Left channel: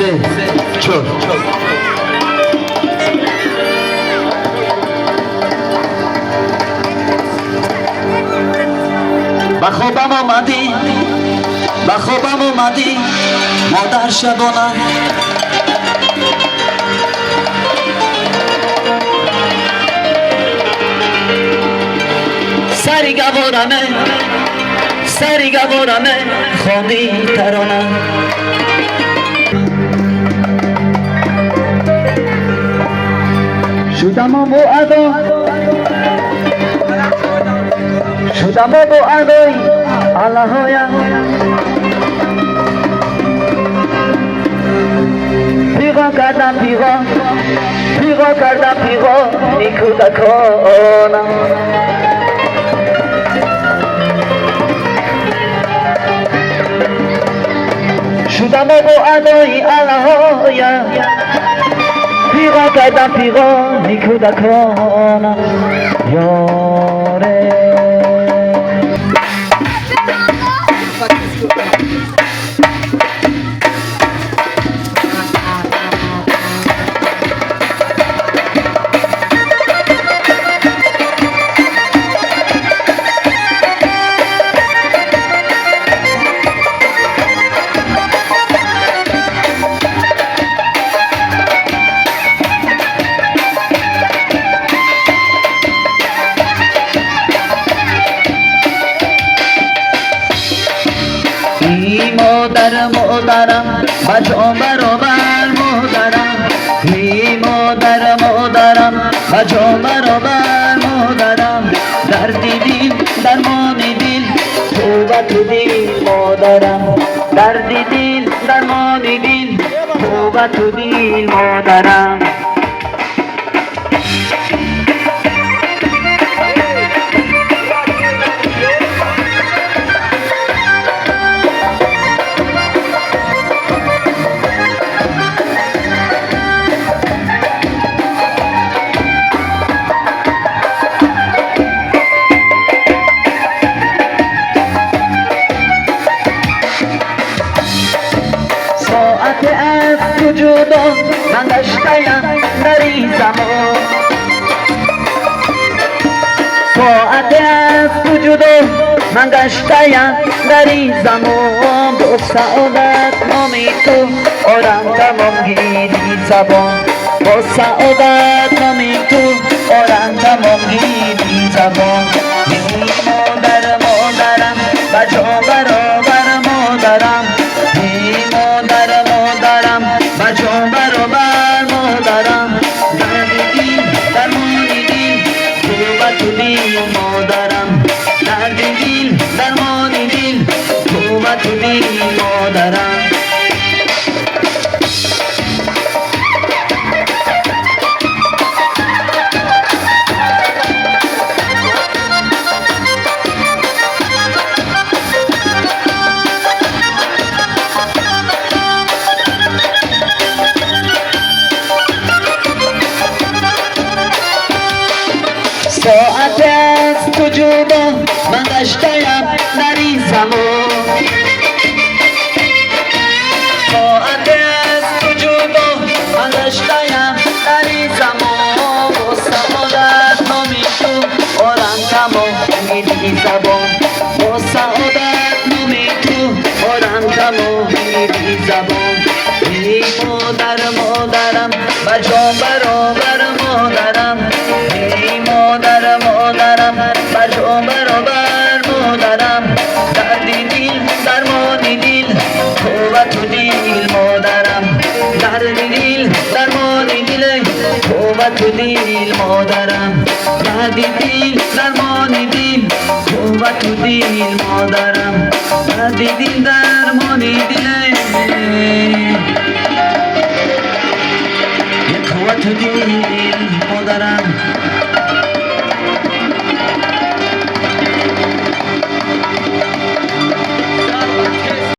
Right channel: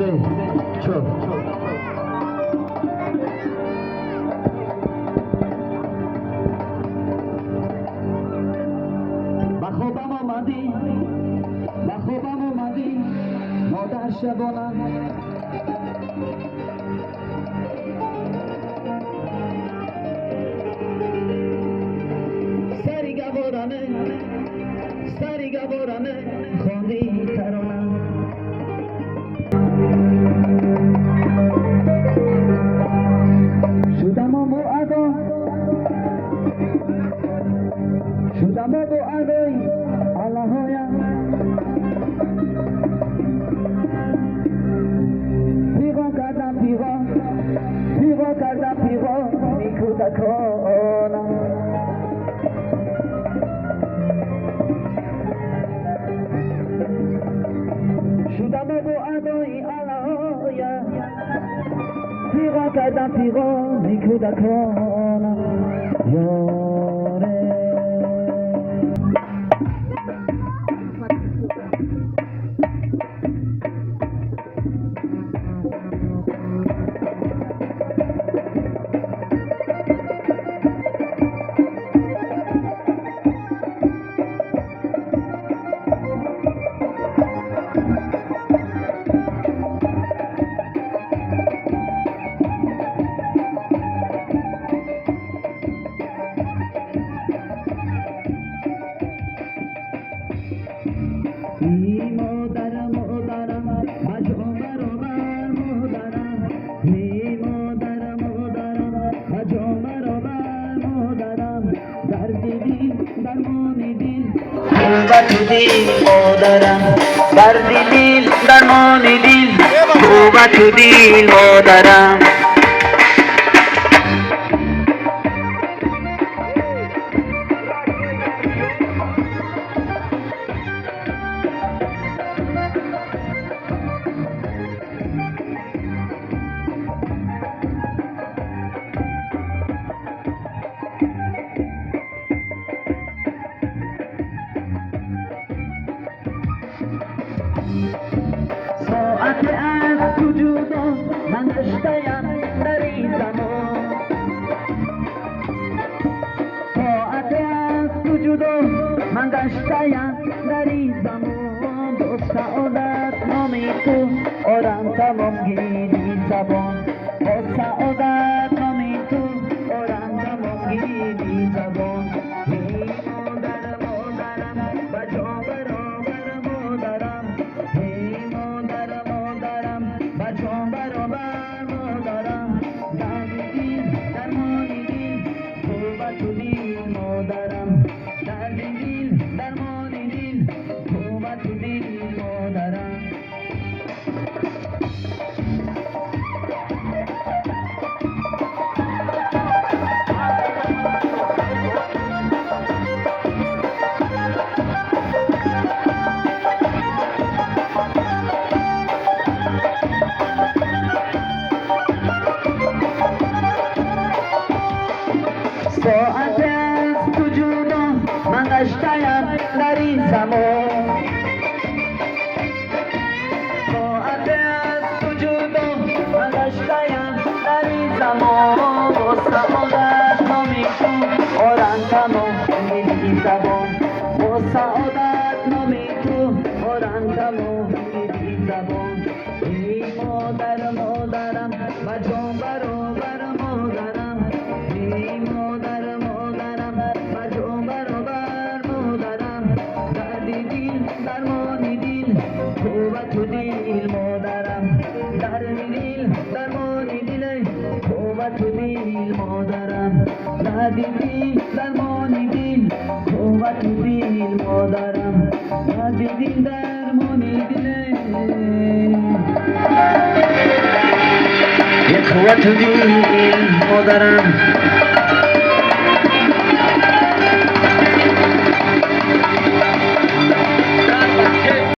سه چهار به خوابم آمدی به خوابم آمدی مادر شبانه سری گوارمه خواندی ترانه شدم و ادای اللهایا پیغا کردم پیغا نیکودکانم شدم و ادای اللهایا پیغا کردم پیغا نیکودکانم یاره مادرم بجا برابر مادرم ای مادرم بجا برابر مادرم دردی دل درمانی دل توبه تو دل مادرم دردی دل درمانی دل توبه تو دل مادرم جدا من گشتم در این زمان ساعت از تو جدا من گشتم در این زمان با سعادت نامی تو آرم تمام گیری زبان با سعادت نامی تو آرم تمام گیری زبان مادرم بجا برابر مادرم ساعت از تو جدا من گشتم در این زمان ساعت از تو جدا من گشتم در این زمان با سعادت نامی تو آرم تمام گیری زبان با سعادت نامی تو آرم تمام گیری زبان ای مادرم بجا برابر مادرم بجا برابر مادرم دردی دل درمانی دل توبه تو دل مادرم دردی دل درمانی دل توبه تو دل مادرم دردی دل درمانی دل توبه تو دل مادرم دردی دل درمانی دل توبه تو دل مادرم